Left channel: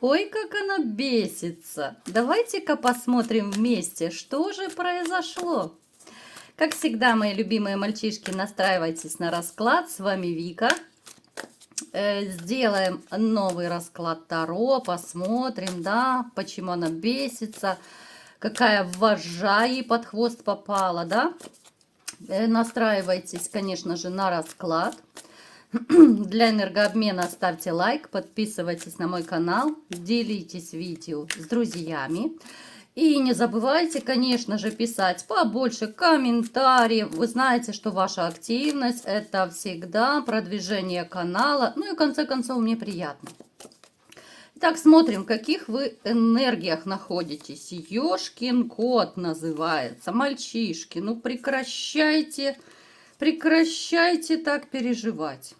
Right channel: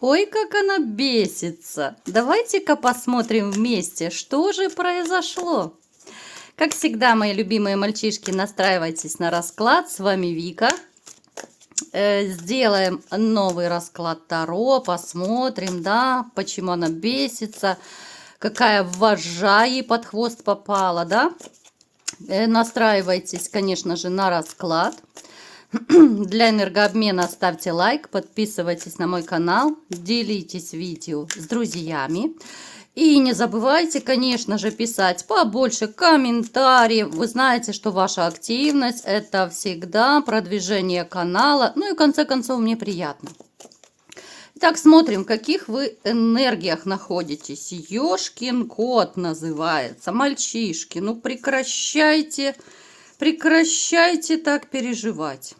Ой, как она бесится. Давайте-ка посмотрим вместе, что же произошло. Как всегда, мои любимые мальчишки, настраивайтесь на расклад. С вами Вика. Сделаем новый расклад Таро, посмотрим, да, почему она бесится, какая вожжа ей под хвост попала, да. Настраивайтесь, конечно же, на расклад. Для энергообмена ставьте лайк, подписывайтесь на мой канал, делитесь видео с друзьями. И не забывайте, конечно же, писать побольше комментариев. Вы знаете, что ваша активность – это всегда продвижение канала. Ну и в конце концов, мне приятно. Итак, смотрим, в каких вы энергиях находитесь. Ёшкин кот называется. Мальчишки, ну прекращайте так переживать.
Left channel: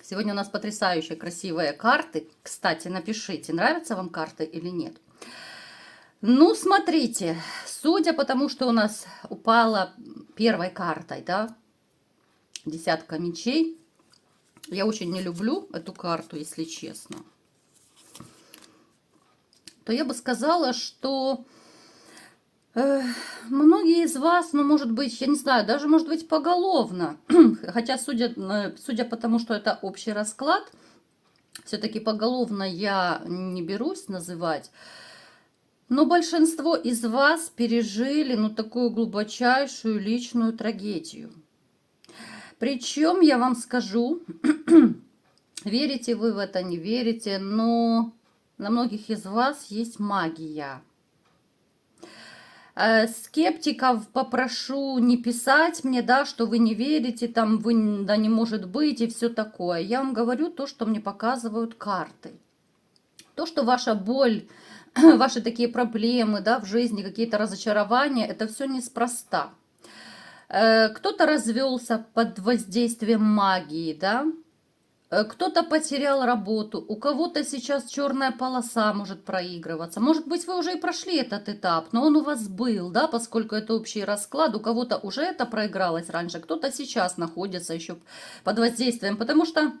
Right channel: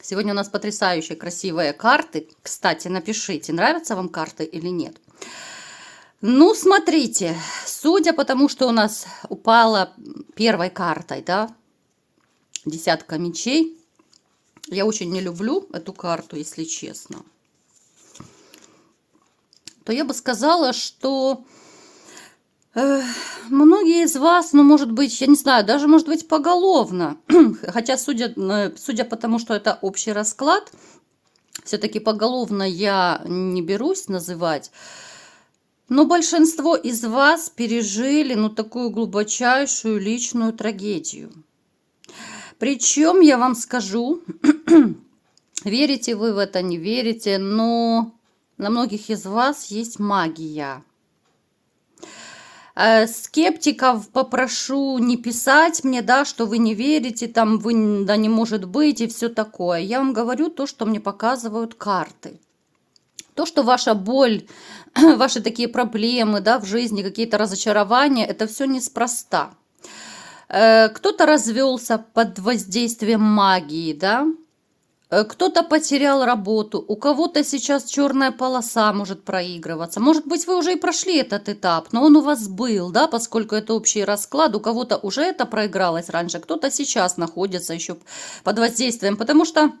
Сегодня у нас потрясающие красивые карты. Кстати, напишите, нравятся вам карты или нет. Ну, смотрите, судя по тому, что у нас упала первой картой, да, десятка мечей, я очень не люблю эту карту, если честно, то я бы сказала, что многие из вас, ну, может быть, я не знаю, даже, может быть, поголовно, хотя, судя по тому, что это общий расклад, все-таки поголовно я не берусь называть, но большинство из вас пережили, ну, такую глубочайшую личную трагедию. Причем, я вам скажу, верите вы в это, не верите, но на многих из вас есть магия. Скептиков попрошу не писать мне, да, что вы не верите, там, вы, да, не может быть и все такое. Я вам говорю то, что мне показывают карты. То, что ваша боль, ваши такие проблемы, да, в жизни, какие-то разочарования, это все неспроста. Кто-то развелся под воздействием магии, да, кто-то потерял работу, у кого-то сейчас черная полоса может проигрываться. Может быть, вы уже и прошли этот этап, но он у вас был, да, поскольку это общий расклад, у кого-то уже это проигралось раньше, кто-то сейчас находится еще под воздействием, потому что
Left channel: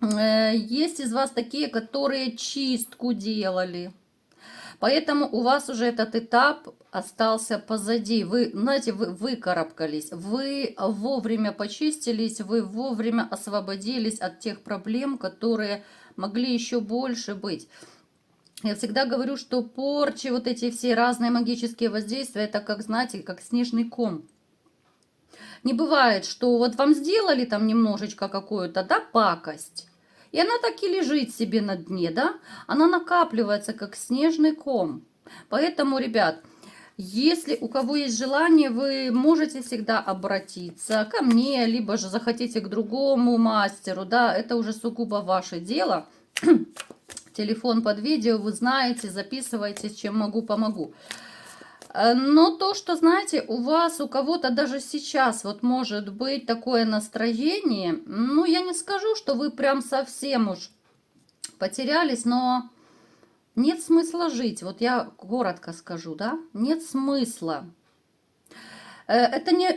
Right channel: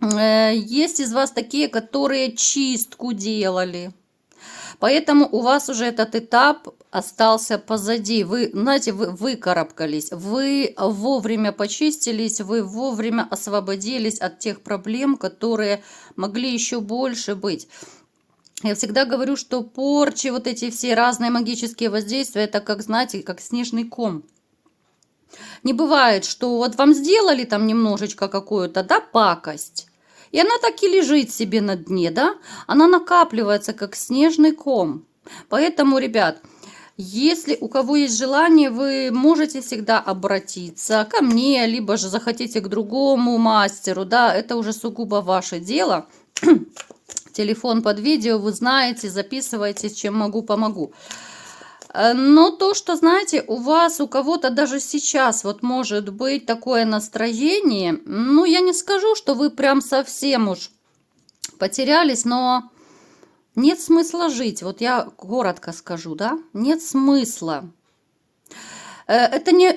есть из вас такие, которые чистку делали. Поэтому у вас уже этот этап остался позади. Вы, знаете, вы выкарабкались, вы вовремя почистились, вы вовремя освободились от тех проблем, которые могли еще больше быть. Я всегда говорю, что порчи, вот эти все разные магические воздействия, это как, знаете, как снежный ком. Не бывает, что вот вам сделали там немножечко какую-то, да, пакость, и она так и лежит себе на дне, да? Она накапливается, как снежный ком. Поэтому, ребят, если у кого есть желание, вы можете всегда обратиться ко мне, либо же захотите к другому мастеру, да? Это уже сугубо ваше дело. Телефон под видео, вы знаете, записывайте, чем могу, помогу. Но то, что, знаете, у вас, у кого-то даже сейчас вот может быть такое настроение, ну, я не скажу, что вы прям совсем уж потерялись, но нет смысла жить. Вот я коротко скажу, да, нет смысла. Это не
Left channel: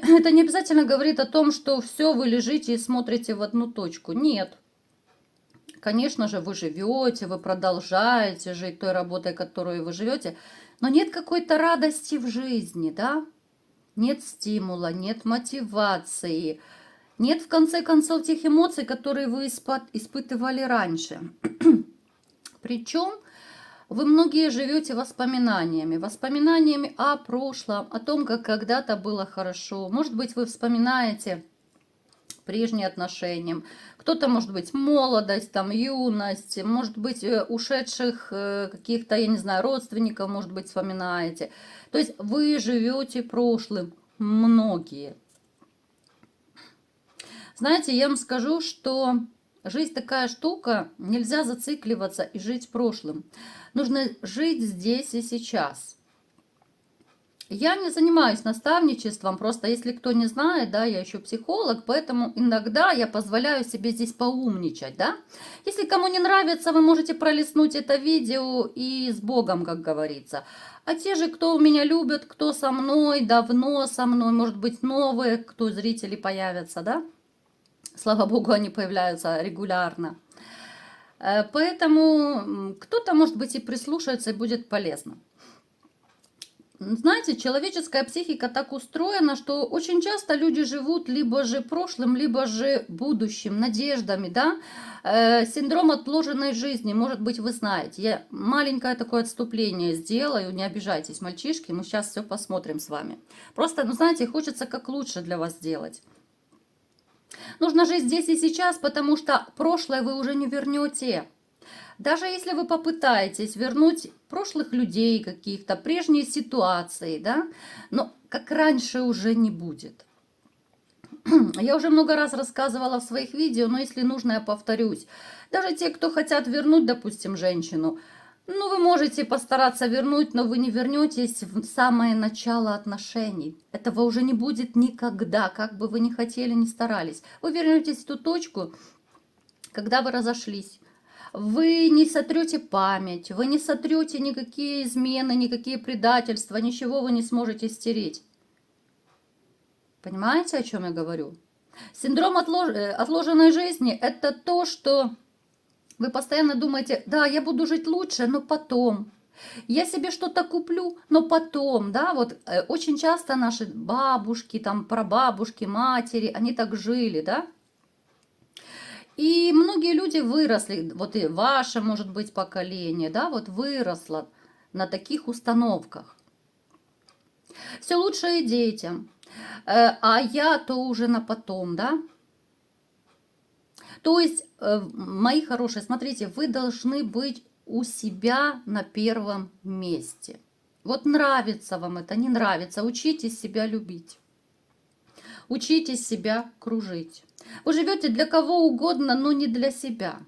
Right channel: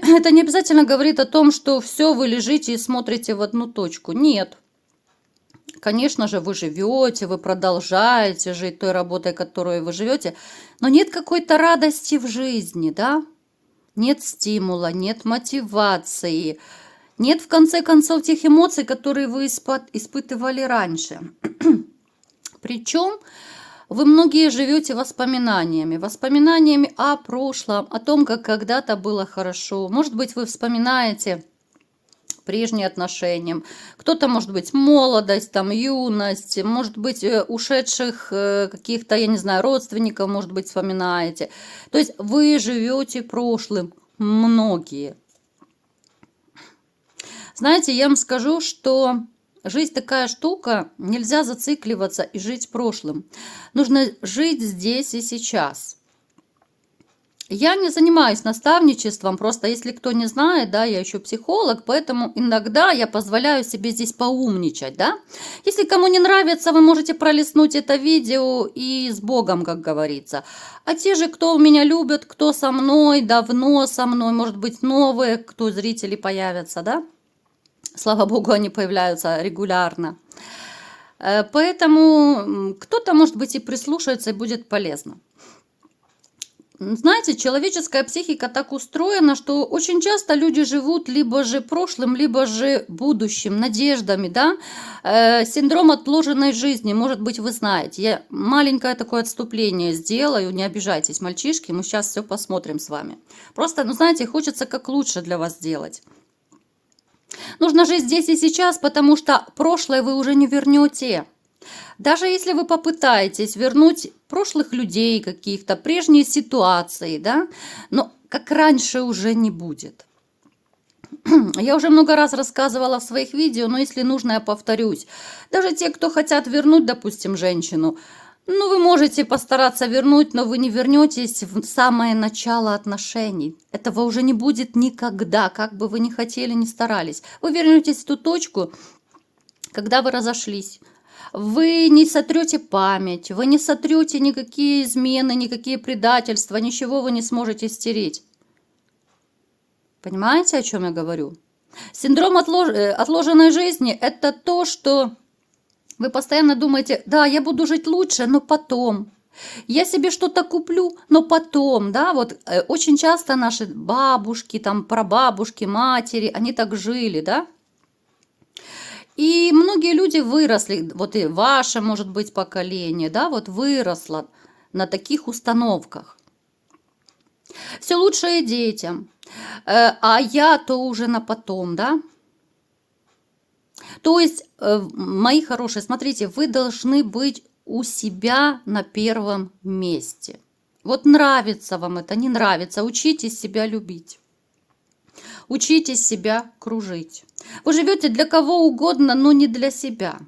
обязательно говорит о том, что все, вы лежите и смотрите в одну точку. Нет. Конечно же, вы живете, вы продолжаете жить той работой, которой вы живете, но нет какой-то радости в жизни, да? Нет стимула, нет мотивации, нет, в конце концов, тех эмоций, которые вы испытывали раньше. Причем вы многие живете воспоминаниями о прошлом, о том, как когда-то было хорошо. Может быть, вы вспоминаете прежние отношения. Кто-то, может быть, молодость, там, юность, может быть, ушедших каких-то, я не знаю, родственников, может быть, вспоминаете. То есть вы живете прошлым, многие. Знаете, я вам скажу, что жизнь такая штука, нельзя зацикливаться и жить прошлым. Нужно жить здесь и сейчас. Я не занимаюсь наставничеством, просто если кто не знает, да, я еще психолог, поэтому иногда я позволяю себе здесь поумничать, да. Если кому не нравится, вы можете пролистнуть это видео и с Богом, как говорится. А те же, кто меня любят, кто со мной, давно со мной, может быть, новые, кто зрители появятся, да. Слава Богу, они появляются регулярно. Поэтому кто-то, может быть, и прислушается, и будет полезно. Знаете, человеческая психика так устроена, что очень часто люди живут либо же прошлым, либо же будущим, надеждами, да. Синдром отложенной жизни, может быть, вы знаете. Я маленькое такое отступление сделаю, не обижайтесь, мальчишки, мы сейчас все посмотрим с вами. Просто, ну, знаете, хочется как лучше для вас сделать. Нужно жить здесь и сейчас, потому что прошлое вы уже не вернете. Даже если вы попытаетесь вернуть прошлых людей каких-то, прежние ситуации, да, но как раньше уже не будет. Я уже много раз рассказывала в своих видео, но если нужно, я повторюсь. Даже те, кто хотят вернуть, допустим, женщину, ну, вы можете постараться вернуть, но вы не вернетесь в самое начало отношений. Этого уже не будет никогда, как бы вы ни хотели, ни старались. Вы вернетесь в ту точку, когда вы разошлись. Вы не сотрете память, вы не сотрете никакие измены, никакие предательства, ничего вы не сможете стереть. Понимаете, о чем я говорю? Синдром отложенной жизни – это то, что вы постоянно думаете, да, я буду жить лучше, но потом. Я себе что-то куплю, но потом, да, вот очень часто наши бабушки, там, прабабушки, матери, они так жили, да. И многие люди выросли, вот и ваше, может быть, поколение, да, вот выросло на таких установках. Все лучшее детям, а я-то уже на потом, да. То есть, мои хорошие, смотрите, вы должны быть у себя на первом месте. Вот нравится вам это, не нравится, учитесь себя любить. Учитесь себя кружить. Вы живете для кого угодно, но не для себя.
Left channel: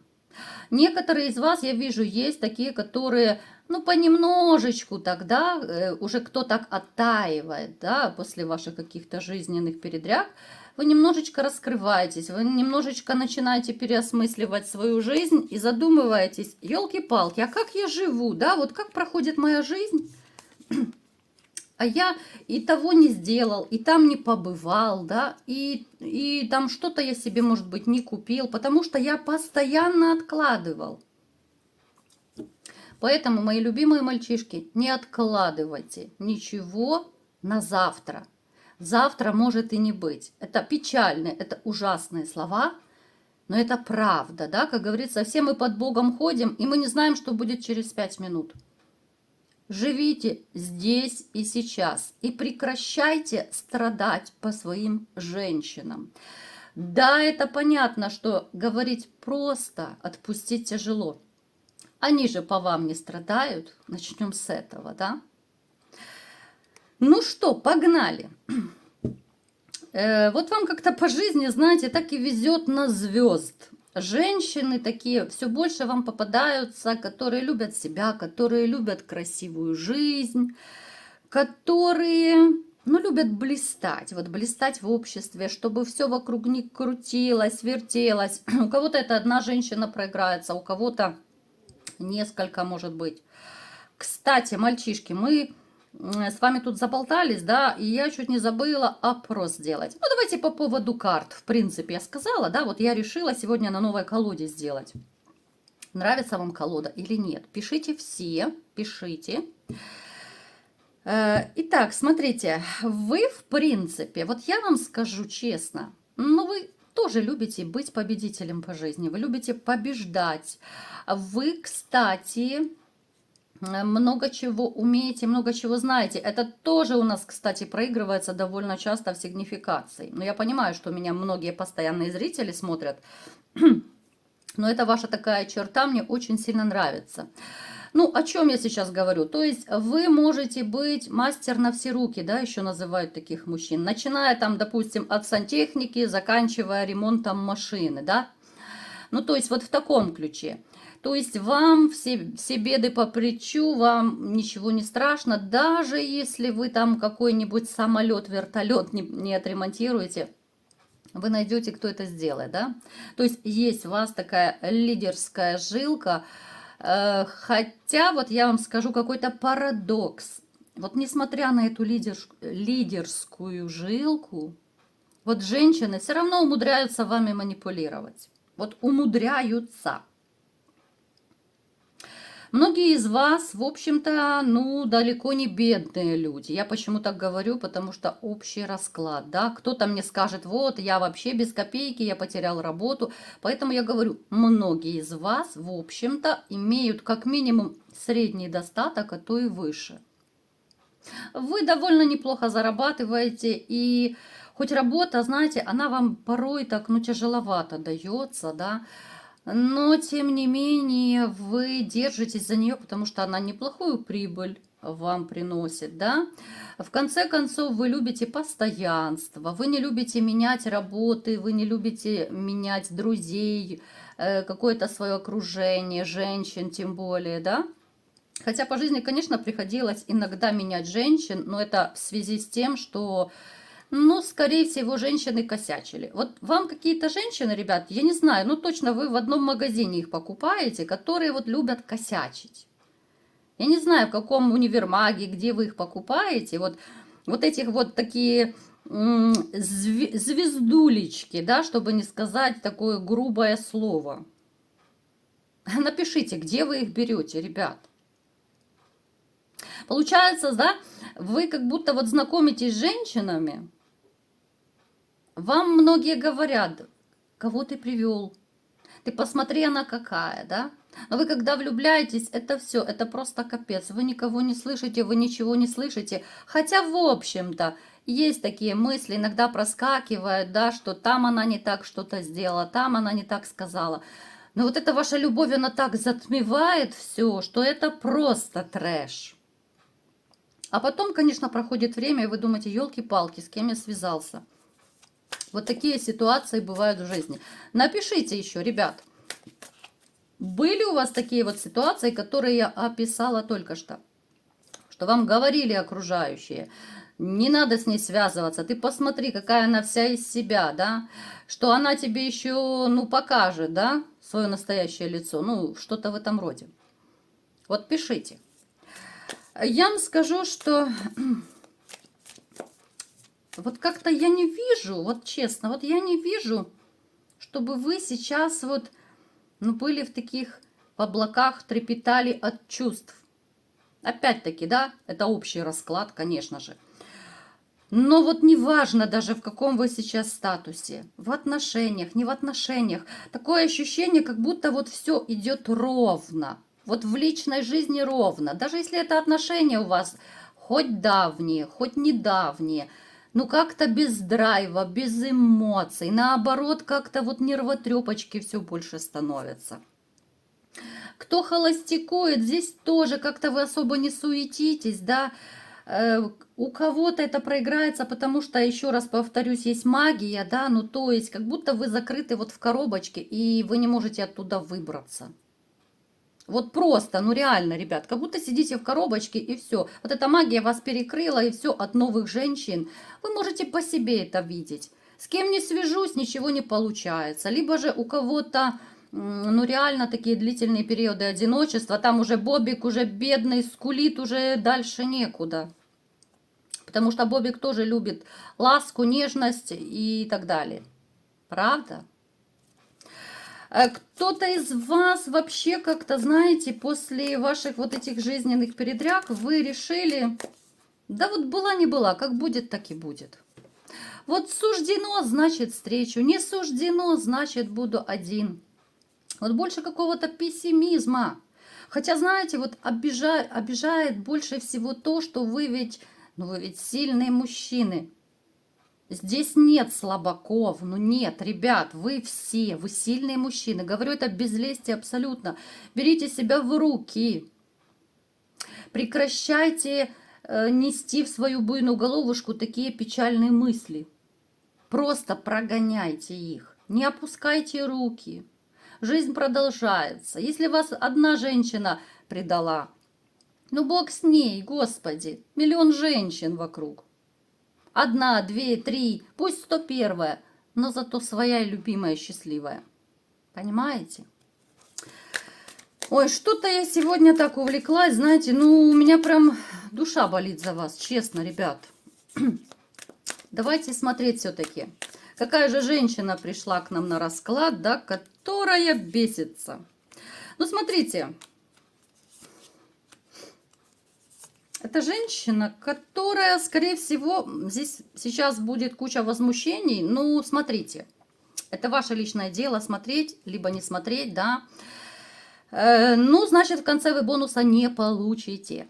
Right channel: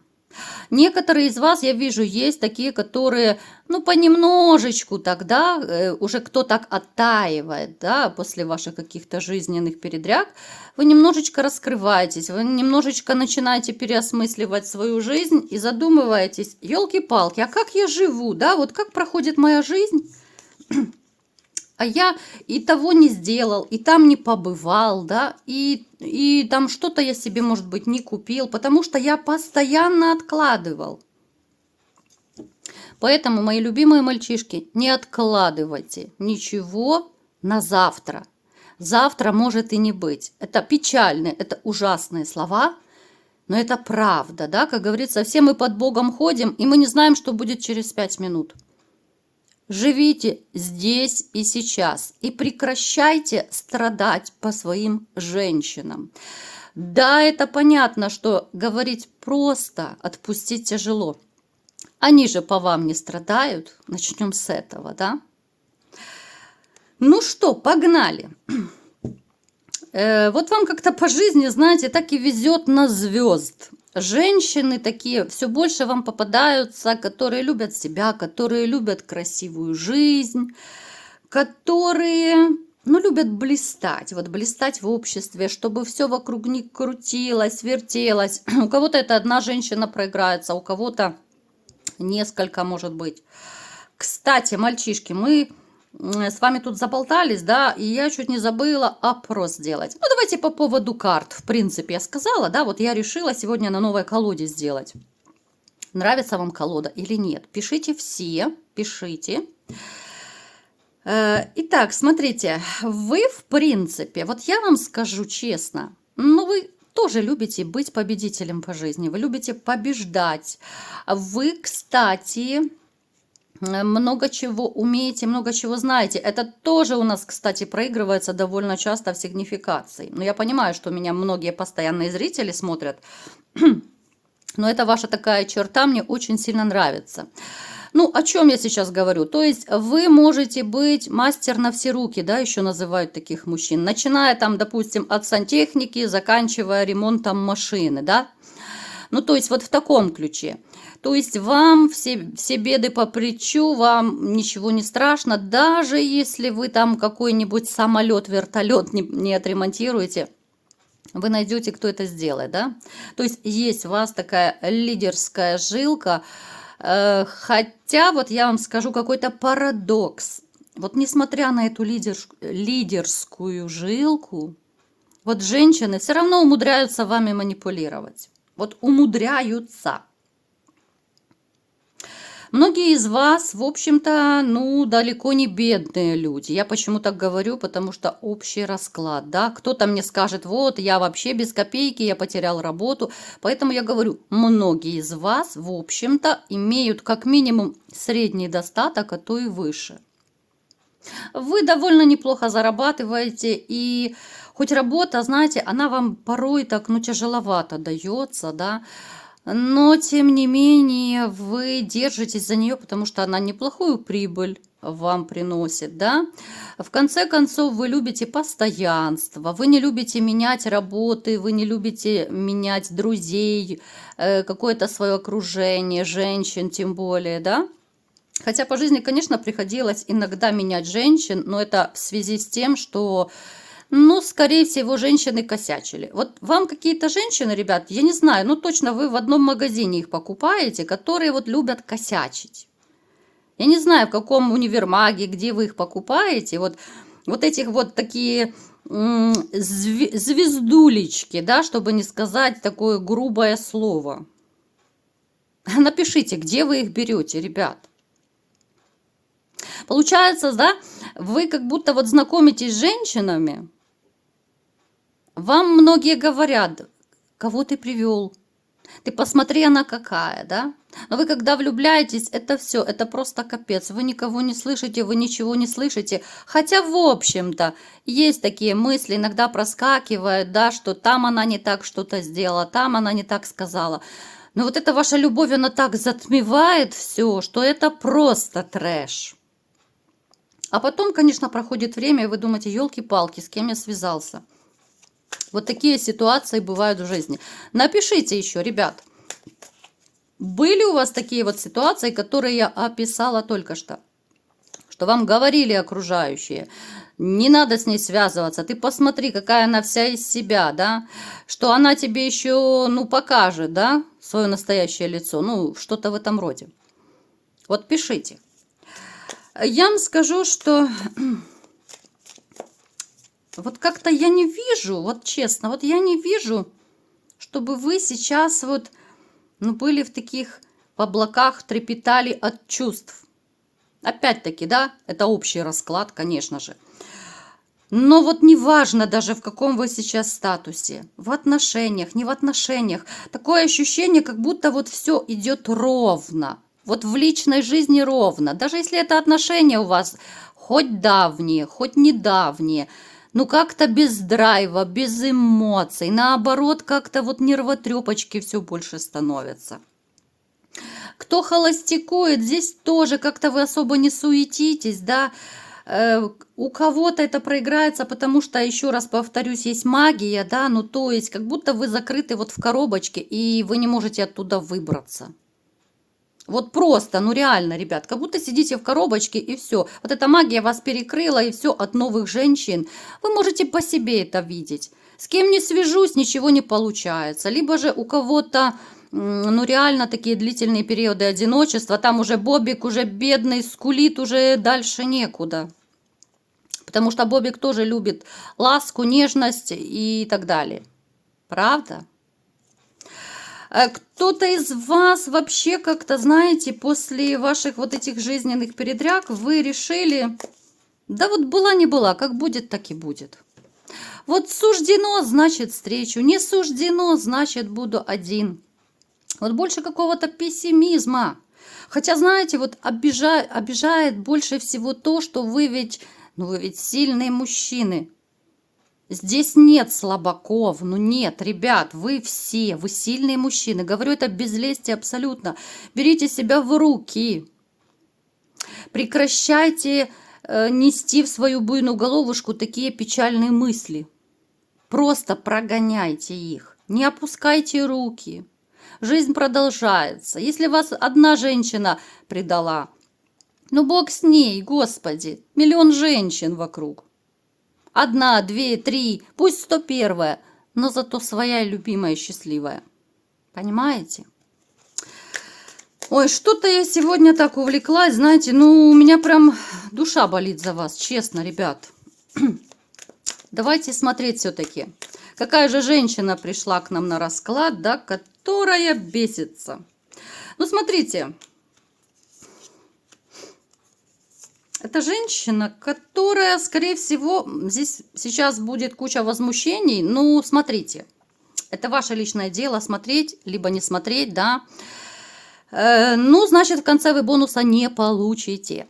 Некоторые из вас, я вижу, есть такие, которые, ну, понемножечку тогда, уже кто так оттаивает, да, после ваших каких-то жизненных передряг, вы немножечко раскрываетесь, вы немножечко начинаете переосмысливать свою жизнь и задумываетесь, елки-палки, а как я живу, да, вот как проходит моя жизнь, а я и того не сделал, и там не побывал, да, и там что-то я себе, может быть, не купил, потому что я постоянно откладывал. Поэтому, мои любимые мальчишки, не откладывайте ничего на завтра. Завтра может и не быть. Это печальные, это ужасные слова, но это правда, да, как говорится, все мы под Богом ходим, и мы не знаем, что будет через 5 минут. Живите здесь и сейчас и прекращайте страдать по своим женщинам. Да, это понятно, что говорить просто, отпустить тяжело. Они же по вам не страдают. Начнем с этого, да? Ну что, погнали. Вот вам как-то по жизни, знаете, так и везет на звезд. Женщины такие все больше вам попадаются, которые любят себя, которые любят красивую жизнь, которые, ну, любят блистать, вот блистать в обществе, чтобы все вокруг них крутилось, вертелось. У кого-то это одна женщина проиграется, у кого-то несколько, может быть. Кстати, мальчишки, мы с вами тут заболтались, да, и я чуть не забыла опрос сделать. Ну, давайте по поводу карт. В принципе, я сказала, да, вот я решила сегодня на новой колоде сделать. Нравится вам колода или нет? Пишите все, пишите. Итак, смотрите, вы, в принципе, вот я вам скажу честно, ну, вы тоже любите быть победителем по жизни, вы любите побеждать. Вы, кстати, много чего умеете, много чего знаете. Это тоже у нас, кстати, проигрывается довольно часто в сигнификации. Но я понимаю, что меня многие постоянные зрители смотрят. Но это ваша такая черта мне очень сильно нравится. Ну, о чем я сейчас говорю? То есть вы можете быть мастер на все руки, да, еще называют таких мужчин. Начиная там, допустим, от сантехники, заканчивая ремонтом машины, да. Ну, то есть вот в таком ключе. То есть вам все беды по плечу, вам ничего не страшно, даже если вы там какой-нибудь самолет, вертолет не отремонтируете, вы найдете, кто это сделает, да? То есть у вас такая лидерская жилка, хотя вот я вам скажу какой-то парадокс. Вот несмотря на эту лидерскую жилку, вот женщины все равно умудряются вами манипулировать. Вот умудряются. Многие из вас, в общем-то, ну, далеко не бедные люди. Я почему так говорю, потому что общий расклад, да. Кто-то мне скажет, вот, я вообще без копейки, я потерял работу. Поэтому я говорю, многие из вас, в общем-то, имеют как минимум средний достаток, а то и выше. Вы довольно неплохо зарабатываете, и хоть работа, знаете, она вам порой так, ну, тяжеловато дается, да, но, тем не менее, вы держитесь за нее, потому что она неплохую прибыль вам приносит, да. В конце концов, вы любите постоянство, вы не любите менять работы, вы не любите менять друзей, какое-то свое окружение, женщин тем более, да. Хотя по жизни, конечно, приходилось иногда менять женщин, но это в связи с тем, что, ну, скорее всего, женщины косячили. Вот вам какие-то женщины, ребят, я не знаю, ну, точно вы в одном магазине их покупаете, которые вот любят косячить. Я не знаю, в каком универмаге, где вы их покупаете, вот этих вот такие звездулечки, да, чтобы не сказать такое грубое слово. Напишите, где вы их берете, ребят. Получается, да, вы как будто вот знакомитесь с женщинами, вам многие говорят, кого ты привел, ты посмотри, она какая, да? Но вы когда влюбляетесь, это все, это просто капец. Вы никого не слышите, вы ничего не слышите. Хотя, в общем-то, есть такие мысли, иногда проскакивают, да, что там она не так что-то сделала, там она не так сказала. Но вот эта ваша любовь, она так затмевает все, что это просто трэш. А потом, конечно, проходит время, и вы думаете, елки-палки, с кем я связался? Вот такие ситуации бывают в жизни. Напишите еще, ребят, были у вас такие вот ситуации, которые я описала только что? Что вам говорили окружающие, не надо с ней связываться, ты посмотри, какая она вся из себя, да? Что она тебе еще, ну, покажет, да, свое настоящее лицо, ну, что-то в этом роде. Вот пишите. Я вам скажу, что вот как-то я не вижу, вот честно, вот я не вижу, чтобы вы сейчас вот, ну, были в таких облаках, трепетали от чувств. Опять-таки, да, это общий расклад, конечно же. Но вот неважно даже, в каком вы сейчас статусе, в отношениях, не в отношениях, такое ощущение, как будто вот все идет ровно. Вот в личной жизни ровно. Даже если это отношения у вас хоть давние, хоть недавние, ну как-то без драйва, без эмоций. Наоборот, как-то вот нервотрепочки все больше становятся. Кто холостякует, здесь тоже как-то вы особо не суетитесь, да. У кого-то это проиграется, потому что, еще раз повторюсь, есть магия, да, ну то есть как будто вы закрыты вот в коробочке, и вы не можете оттуда выбраться. Вот просто, ну реально, ребят, как будто сидите в коробочке и все. Вот эта магия вас перекрыла, и все от новых женщин. Вы можете по себе это видеть. С кем не свяжусь, ничего не получается. Либо же у кого-то, ну реально такие длительные периоды одиночества, там уже Бобик уже бедный, скулит, уже дальше некуда. Потому что Бобик тоже любит ласку, нежность и так далее. Правда? Кто-то из вас вообще как-то, знаете, после ваших вот этих жизненных передряг вы решили, да вот была не была, как будет, так и будет. Вот суждено, значит встречу, не суждено, значит буду один. Вот больше какого-то пессимизма. Хотя, знаете, вот обижает больше всего то, что вы ведь, ну вы ведь сильные мужчины. Здесь нет слабаков, ну нет, ребят, вы все, вы сильные мужчины. Говорю это без лести абсолютно. Берите себя в руки. Прекращайте нести в свою буйную головушку такие печальные мысли. Просто прогоняйте их. Не опускайте руки. Жизнь продолжается. Если вас одна женщина предала, ну бог с ней, Господи, миллион женщин вокруг. Одна, две, три, пусть 101-я, но зато своя любимая, счастливая. Понимаете? Ой, что-то я сегодня так увлеклась, знаете, ну у меня прям душа болит за вас, честно, ребят. Давайте смотреть все-таки. Какая же женщина пришла к нам на расклад, да, которая бесится. Ну, смотрите. Это женщина, которая, скорее всего, здесь сейчас будет куча возмущений. Ну, смотрите, это ваше личное дело, смотреть, либо не смотреть, да. Ну, значит, в конце вы бонуса не получите.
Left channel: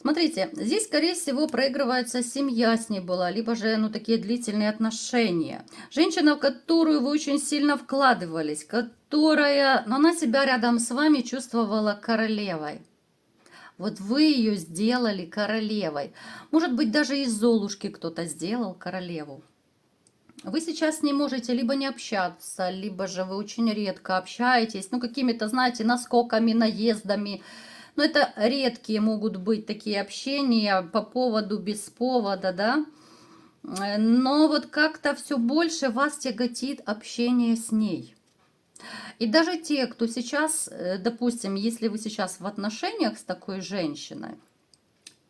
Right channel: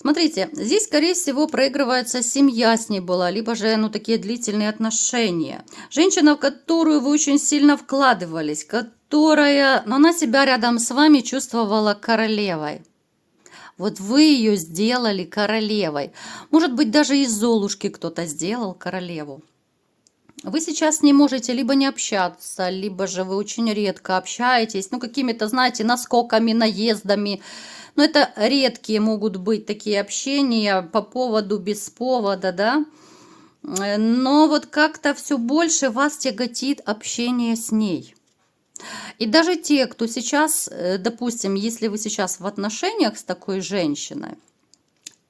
Смотрите, здесь, скорее всего, проигрывается семья с ней была, либо же, ну, такие длительные отношения. Женщина, в которую вы очень сильно вкладывались, которая, но она себя рядом с вами чувствовала королевой. Вот вы ее сделали королевой. Может быть, даже из Золушки кто-то сделал королеву. Вы сейчас не можете либо не общаться, либо же вы очень редко общаетесь, ну, какими-то, знаете, наскоками, наездами. Но это редкие могут быть такие общения по поводу, без повода, да. Но вот как-то все больше вас тяготит общение с ней. И даже те, кто сейчас, допустим, если вы сейчас в отношениях с такой женщиной,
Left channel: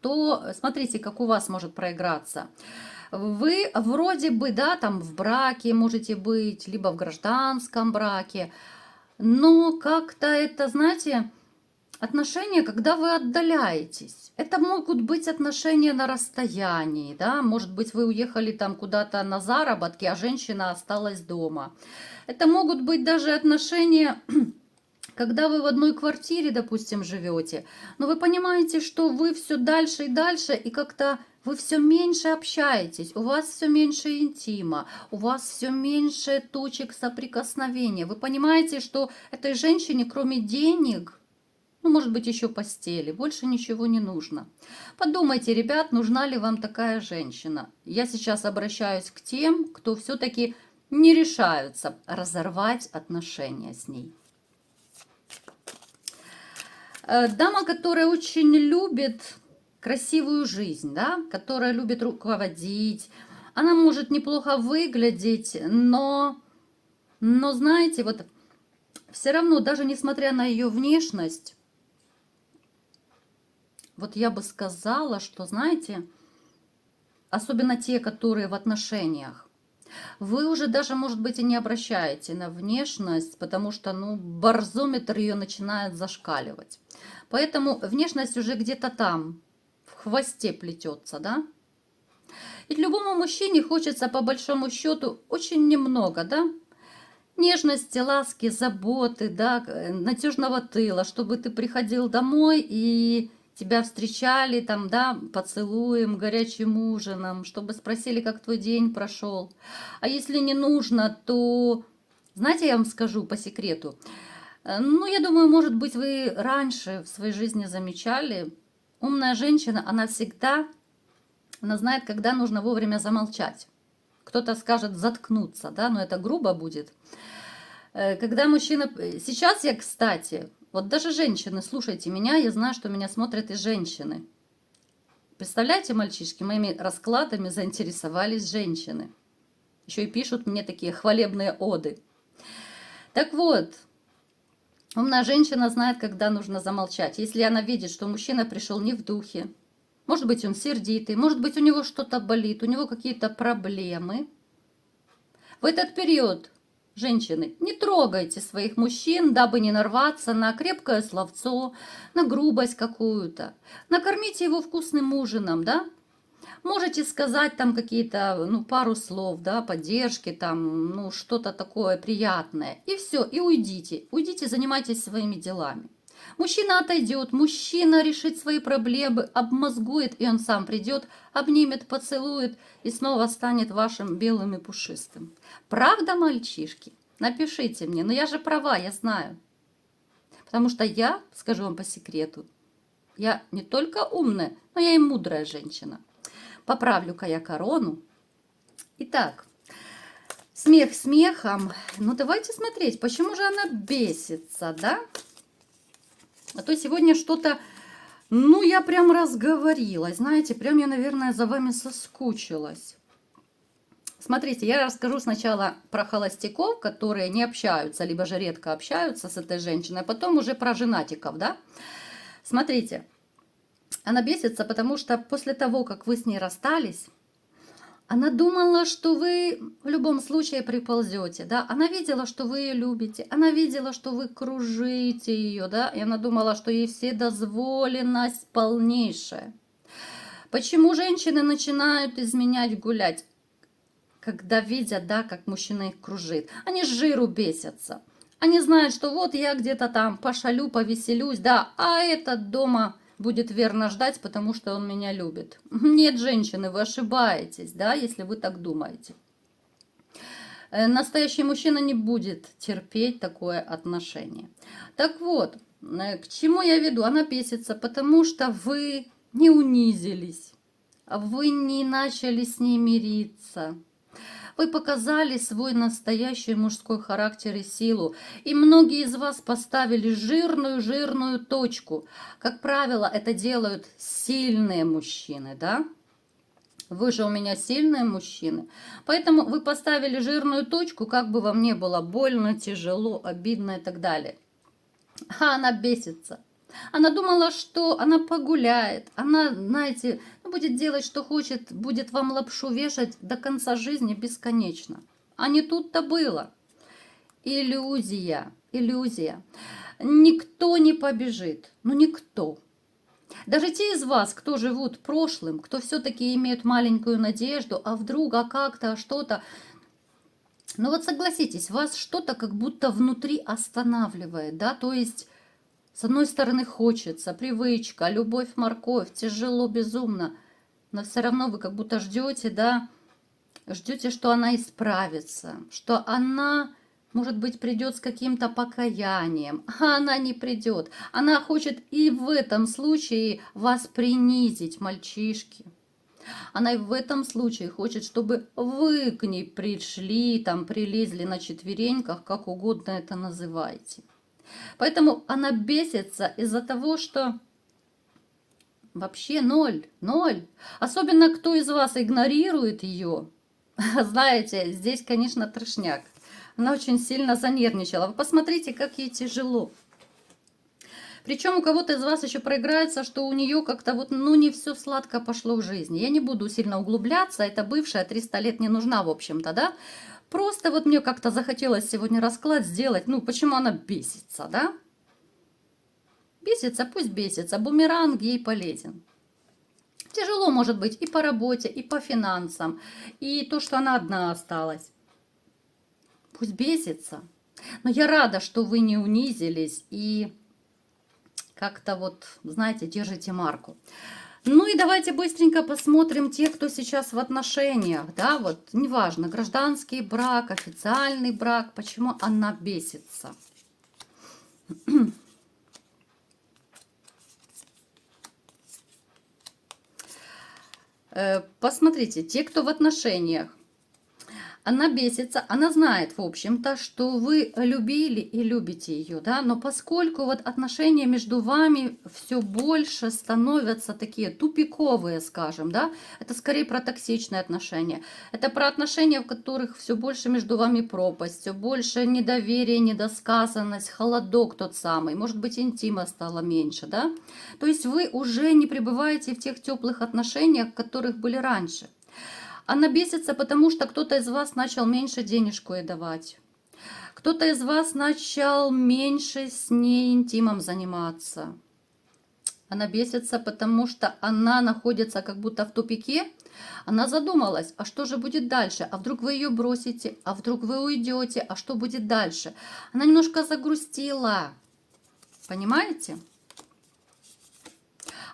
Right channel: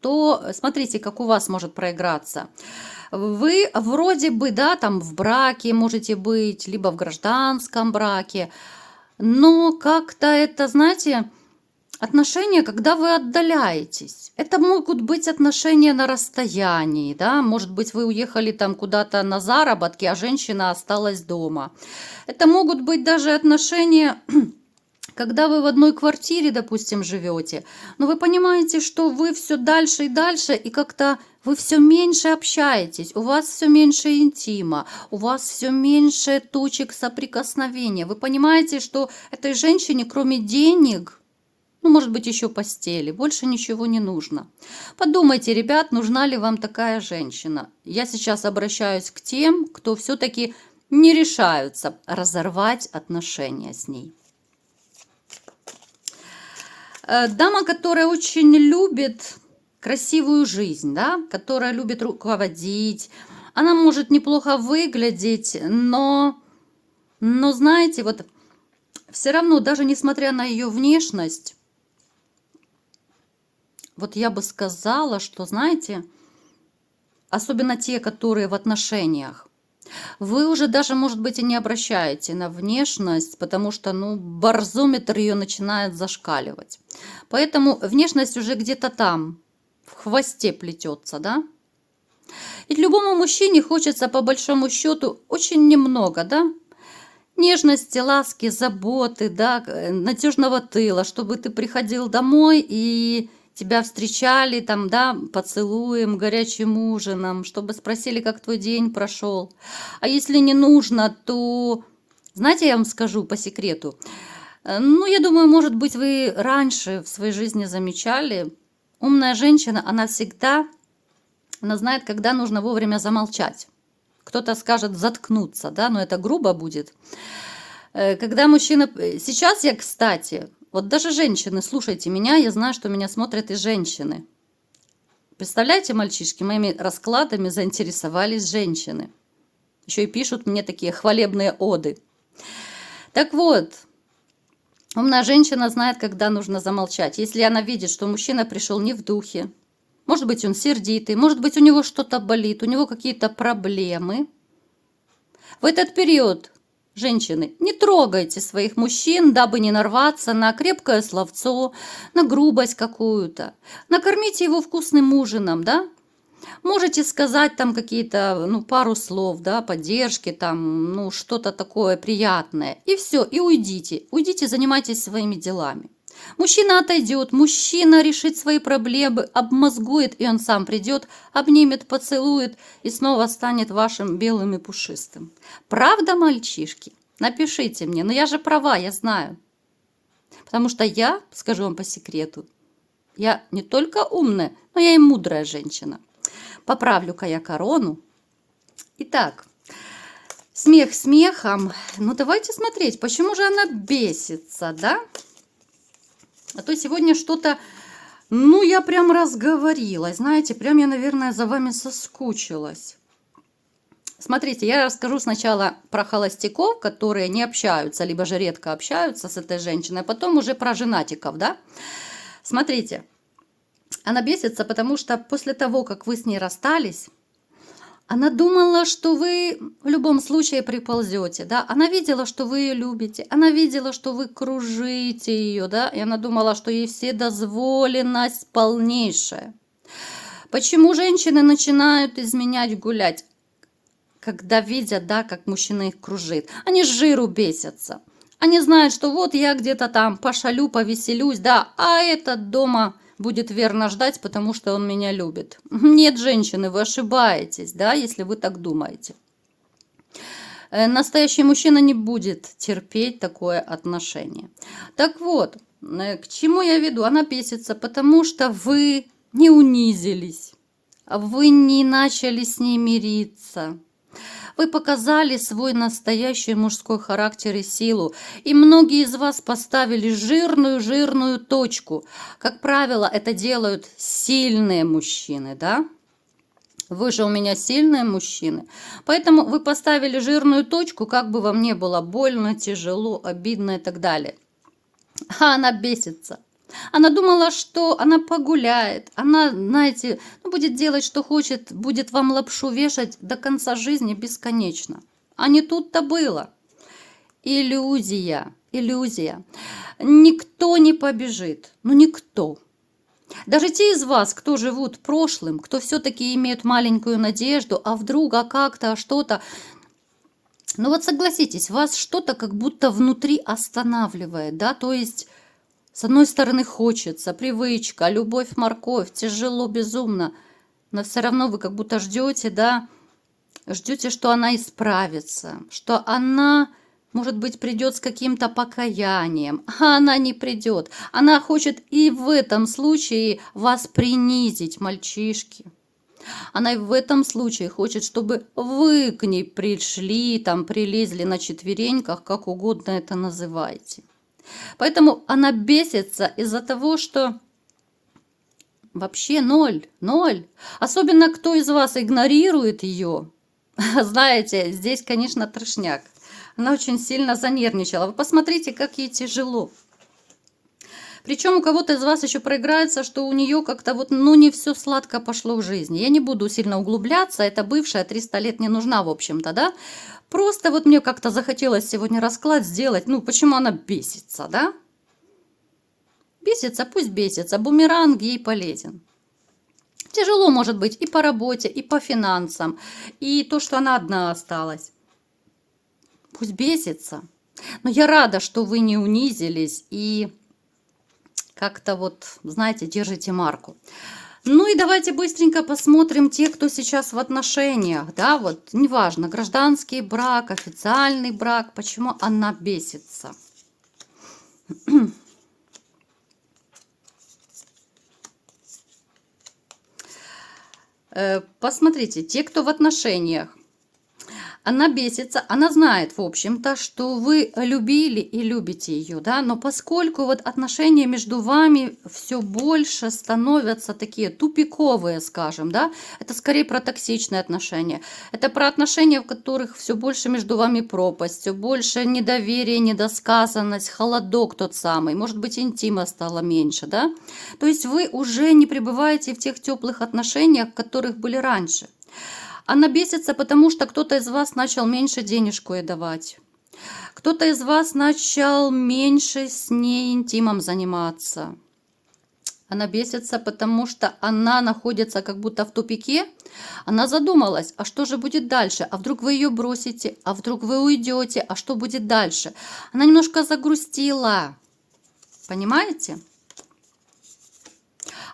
то смотрите, как у вас может проиграться. Вы вроде бы, да, там в браке можете быть, либо в гражданском браке, но как-то это, знаете, отношения, когда вы отдаляетесь. Это могут быть отношения на расстоянии, да, может быть, вы уехали там куда-то на заработки, а женщина осталась дома. Это могут быть даже отношения, когда вы в одной квартире, допустим, живете, но вы понимаете, что вы все дальше и дальше, и как-то вы все меньше общаетесь, у вас все меньше интима, у вас все меньше точек соприкосновения. Вы понимаете, что этой женщине, кроме денег, ну, может быть, еще постели, больше ничего не нужно. Подумайте, ребят, нужна ли вам такая женщина. Я сейчас обращаюсь к тем, кто все-таки не решаются разорвать отношения с ней. Дама, которая очень любит красивую жизнь, да, которая любит руководить, она может неплохо выглядеть, но знаете, вот все равно, даже несмотря на ее внешность, вот я бы сказала, что, знаете, особенно те, которые в отношениях, вы уже даже, может быть, и не обращаете на внешность, потому что, ну, барзометр ее начинает зашкаливать. Поэтому внешность уже где-то там, в хвосте плетется, да? И любому мужчине хочется, по большому счету, очень немного, да? Нежности, ласки, заботы, да, надежного тыла, чтобы ты приходил домой и тебя встречали там, да, поцелуем, горячим ужином, чтобы спросили, как твой день прошел. А если не нужно, то, знаете, я вам скажу по секрету, ну, я думаю, может быть, вы раньше в своей жизни замечали, умная женщина, она всегда, она знает, когда нужно вовремя замолчать. Кто-то скажет заткнуться, да, но это грубо будет. Когда мужчина... Сейчас я, кстати, вот даже женщины, слушайте меня, я знаю, что меня смотрят и женщины. Представляете, мальчишки, моими раскладами заинтересовались женщины. Еще и пишут мне такие хвалебные оды. Так вот, умная женщина знает, когда нужно замолчать. Если она видит, что мужчина пришел не в духе, может быть, он сердитый, может быть, у него что-то болит, у него какие-то проблемы. В этот период, женщины, не трогайте своих мужчин, дабы не нарваться на крепкое словцо, на грубость какую-то. Накормите его вкусным ужином, да? Можете сказать там какие-то, ну, пару слов, да, поддержки, там, ну, что-то такое приятное. И все, и уйдите. Уйдите, занимайтесь своими делами. Мужчина отойдет, мужчина решит свои проблемы, обмозгует, и он сам придет, обнимет, поцелует и снова станет вашим белым и пушистым. Правда, мальчишки? Напишите мне, но я же права, я знаю. Потому что я, скажу вам по секрету, я не только умная, но я и мудрая женщина. Поправлю-ка я корону. Итак, смех смехом. Ну, давайте смотреть, почему же она бесится, да? А то сегодня что-то, ну, я прям разговорилась, знаете, прям я, наверное, за вами соскучилась. Смотрите, я расскажу сначала про холостяков, которые не общаются, либо же редко общаются с этой женщиной, а потом уже про женатиков, да? Смотрите, она бесится, потому что после того, как вы с ней расстались, Она думала, что вы в любом случае приползете, да? Она видела, что вы ее любите, она видела, что вы кружите ее, да? И она думала, что ей вседозволенность полнейшая. Почему женщины начинают изменять, гулять? Когда видят, да, как мужчина их кружит. Они с жиру бесятся. Они знают, что вот я где-то там пошалю, повеселюсь, да, а этот дома будет верно ждать, потому что он меня любит. Нет, женщины, вы ошибаетесь, да, если вы так думаете. Настоящий мужчина не будет терпеть такое отношение. Так вот, к чему я веду? Она бесится, потому что вы не унизились, вы не начали с ней мириться. Вы показали свой настоящий мужской характер и силу, и многие из вас поставили жирную точку. Как правило, это делают сильные мужчины, да? Вы же у меня сильные мужчины. Поэтому вы поставили жирную точку, как бы вам не было больно, тяжело, обидно и так далее. А она бесится. Она думала, что она погуляет, она, знаете, будет делать, что хочет, будет вам лапшу вешать до конца жизни бесконечно. А не тут-то было. Иллюзия, иллюзия. Никто не побежит, ну никто. Даже те из вас, кто живут прошлым, кто все-таки имеют маленькую надежду, а вдруг, а как-то, а что-то. Ну вот согласитесь, вас что-то как будто внутри останавливает, да, то есть... С одной стороны хочется, привычка, любовь, морковь, тяжело, безумно, но все равно вы как будто ждете, да, ждете, что она исправится, что она, может быть, придет с каким-то покаянием, а она не придет. Она хочет и в этом случае вас принизить, мальчишки. Она и в этом случае хочет, чтобы вы к ней пришли, там, прилезли на четвереньках, как угодно это называйте. Поэтому она бесится из-за того, что вообще ноль. Особенно кто из вас игнорирует ее. Знаете, здесь, конечно, трешняк. Она очень сильно занервничала. Вы посмотрите, как ей тяжело. Причем у кого-то из вас еще проиграется, что у нее как-то вот, ну, не все сладко пошло в жизни. Я не буду сильно углубляться, это бывшая 300 лет не нужна, в общем-то, да. Просто вот мне как-то захотелось сегодня расклад сделать, ну, почему она бесится, да. Бесится, пусть бесится, бумеранг ей полезен. Тяжело может быть и по работе, и по финансам, и то, что она одна осталась. Пусть бесится. Но я рада, что вы не унизились и как-то вот, знаете, держите марку. Ну и давайте быстренько посмотрим тех, кто сейчас в отношениях, да, вот, неважно, гражданский брак, официальный брак, почему она бесится. Посмотрите, те, кто в отношениях, она бесится, она знает, в общем-то, что вы любили и любите ее, да, но поскольку вот отношения между вами все больше становятся такие тупиковые, скажем, да, это скорее про токсичные отношения, это про отношения, в которых все больше между вами пропасть, все больше недоверие, недосказанность, холодок тот самый, может быть, интима стало меньше, да, то есть вы уже не пребываете в тех теплых отношениях, в которых были раньше. Она бесится, потому что кто-то из вас начал меньше денежку ей давать. Кто-то из вас начал меньше с ней интимом заниматься. Она бесится, потому что она находится как будто в тупике. Она задумалась, а что же будет дальше? А вдруг вы ее бросите? А вдруг вы уйдете? А что будет дальше? Она немножко загрустила. Понимаете?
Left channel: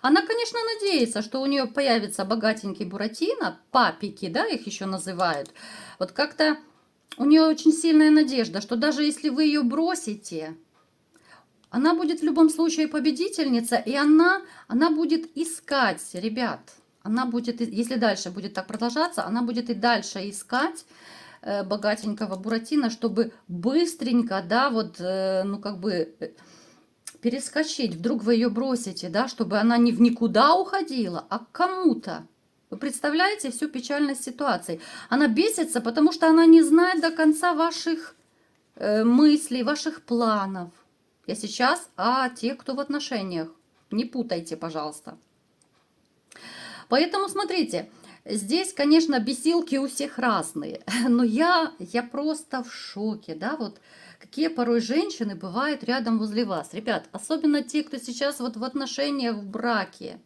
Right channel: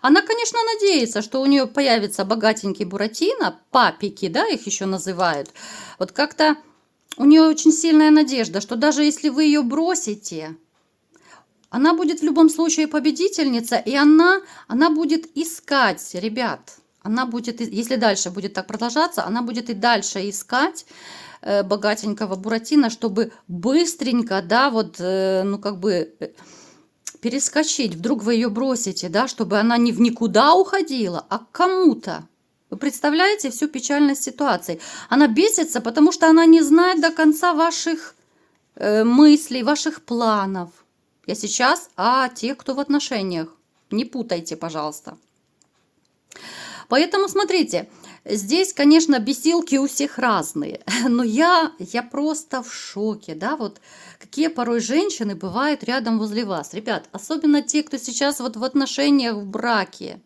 Она, конечно, надеется, что у нее появится богатенький Буратино, папики, да, их еще называют. Вот как-то у нее очень сильная надежда, что даже если вы ее бросите, она будет в любом случае победительница, и она будет искать, ребят, она будет, если дальше будет так продолжаться, она будет и дальше искать богатенького Буратино, чтобы быстренько, да, вот, ну, как бы... перескочить, вдруг вы ее бросите, да, чтобы она не в никуда уходила, а к кому-то. Вы представляете всю печальность ситуации? Она бесится, потому что она не знает до конца ваших мыслей, ваших планов. Я сейчас о тех, кто в отношениях. Не путайте, пожалуйста. Поэтому смотрите, Здесь, конечно, бесилки у всех разные, но я просто в шоке, да, вот какие порой женщины бывают рядом возле вас. Ребят, особенно те, кто сейчас вот в отношениях, в браке.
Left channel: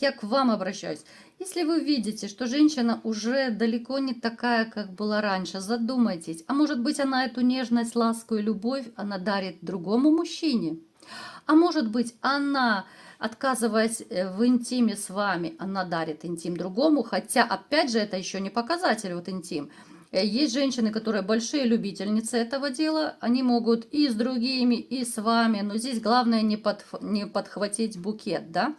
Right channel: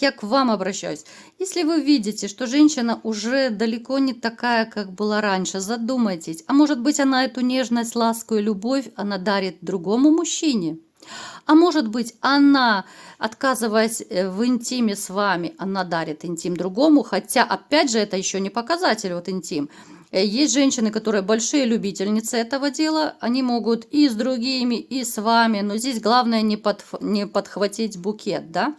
Я к вам обращаюсь. Если вы видите, что женщина уже далеко не такая, как была раньше, задумайтесь. А может быть, она эту нежность, ласку и любовь она дарит другому мужчине? А может быть, она, отказываясь в интиме с вами, она дарит интим другому, хотя, опять же, это еще не показатель вот интим. Есть женщины, которые большие любительницы этого дела, они могут и с другими, и с вами, но здесь главное не подхватить букет, да,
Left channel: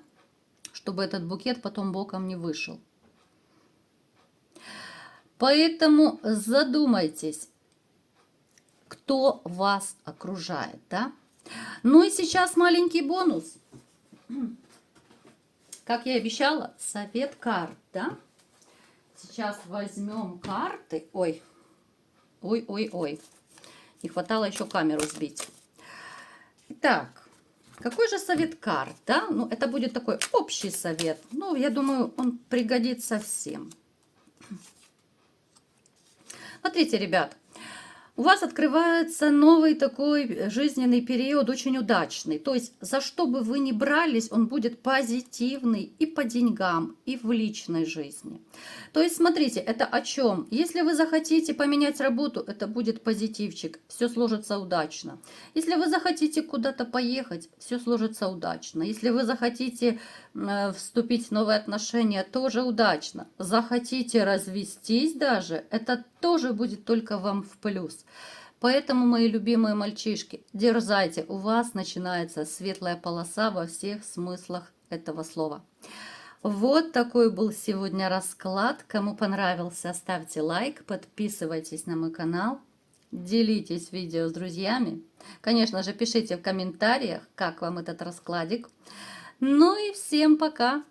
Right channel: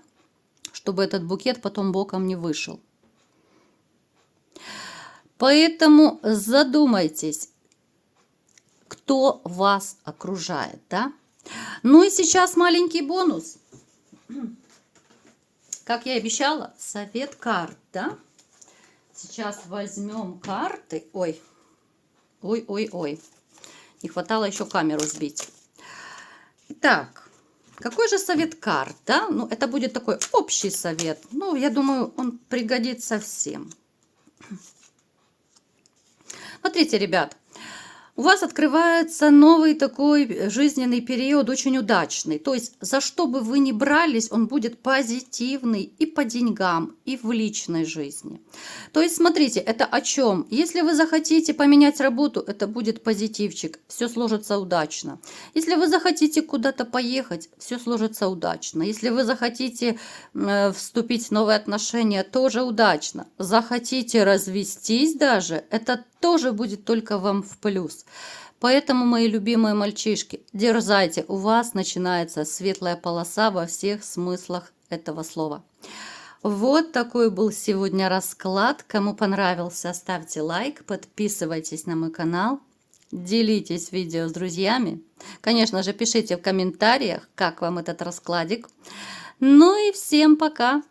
чтобы этот букет потом боком не вышел. Поэтому задумайтесь, кто вас окружает, да? Ну и сейчас маленький бонус. Как я и обещала, совет карт, да? Сейчас возьмем карты. Ой, ой, ой, ой. Не хватало еще камеру сбить. Итак, какой же совет карт, да? Ну, это будет такой общий совет. Ну, я думаю, он пригодится всем. Смотрите, ребят. У вас открывается новый такой жизненный период, очень удачный. То есть, за что бы вы ни брались, он будет позитивный и по деньгам, и в личной жизни. То есть, смотрите, это о чем? Если вы захотите поменять работу, это будет позитивчик, все сложится удачно. Если вы захотите куда-то поехать, все сложится удачно. Если вы захотите вступить в новые отношения, тоже удачно. Захотите развестись даже, это тоже будет только вам в плюс. Поэтому, мои любимые мальчишки, дерзайте, у вас начинается светлая полоса во всех смыслах этого слова. Вот такой был сегодня расклад. Кому понравился, ставьте лайк, подписывайтесь на мой канал, делитесь видео с друзьями. Конечно же, пишите в комментариях, как вам этот раскладик. Ну и всем пока!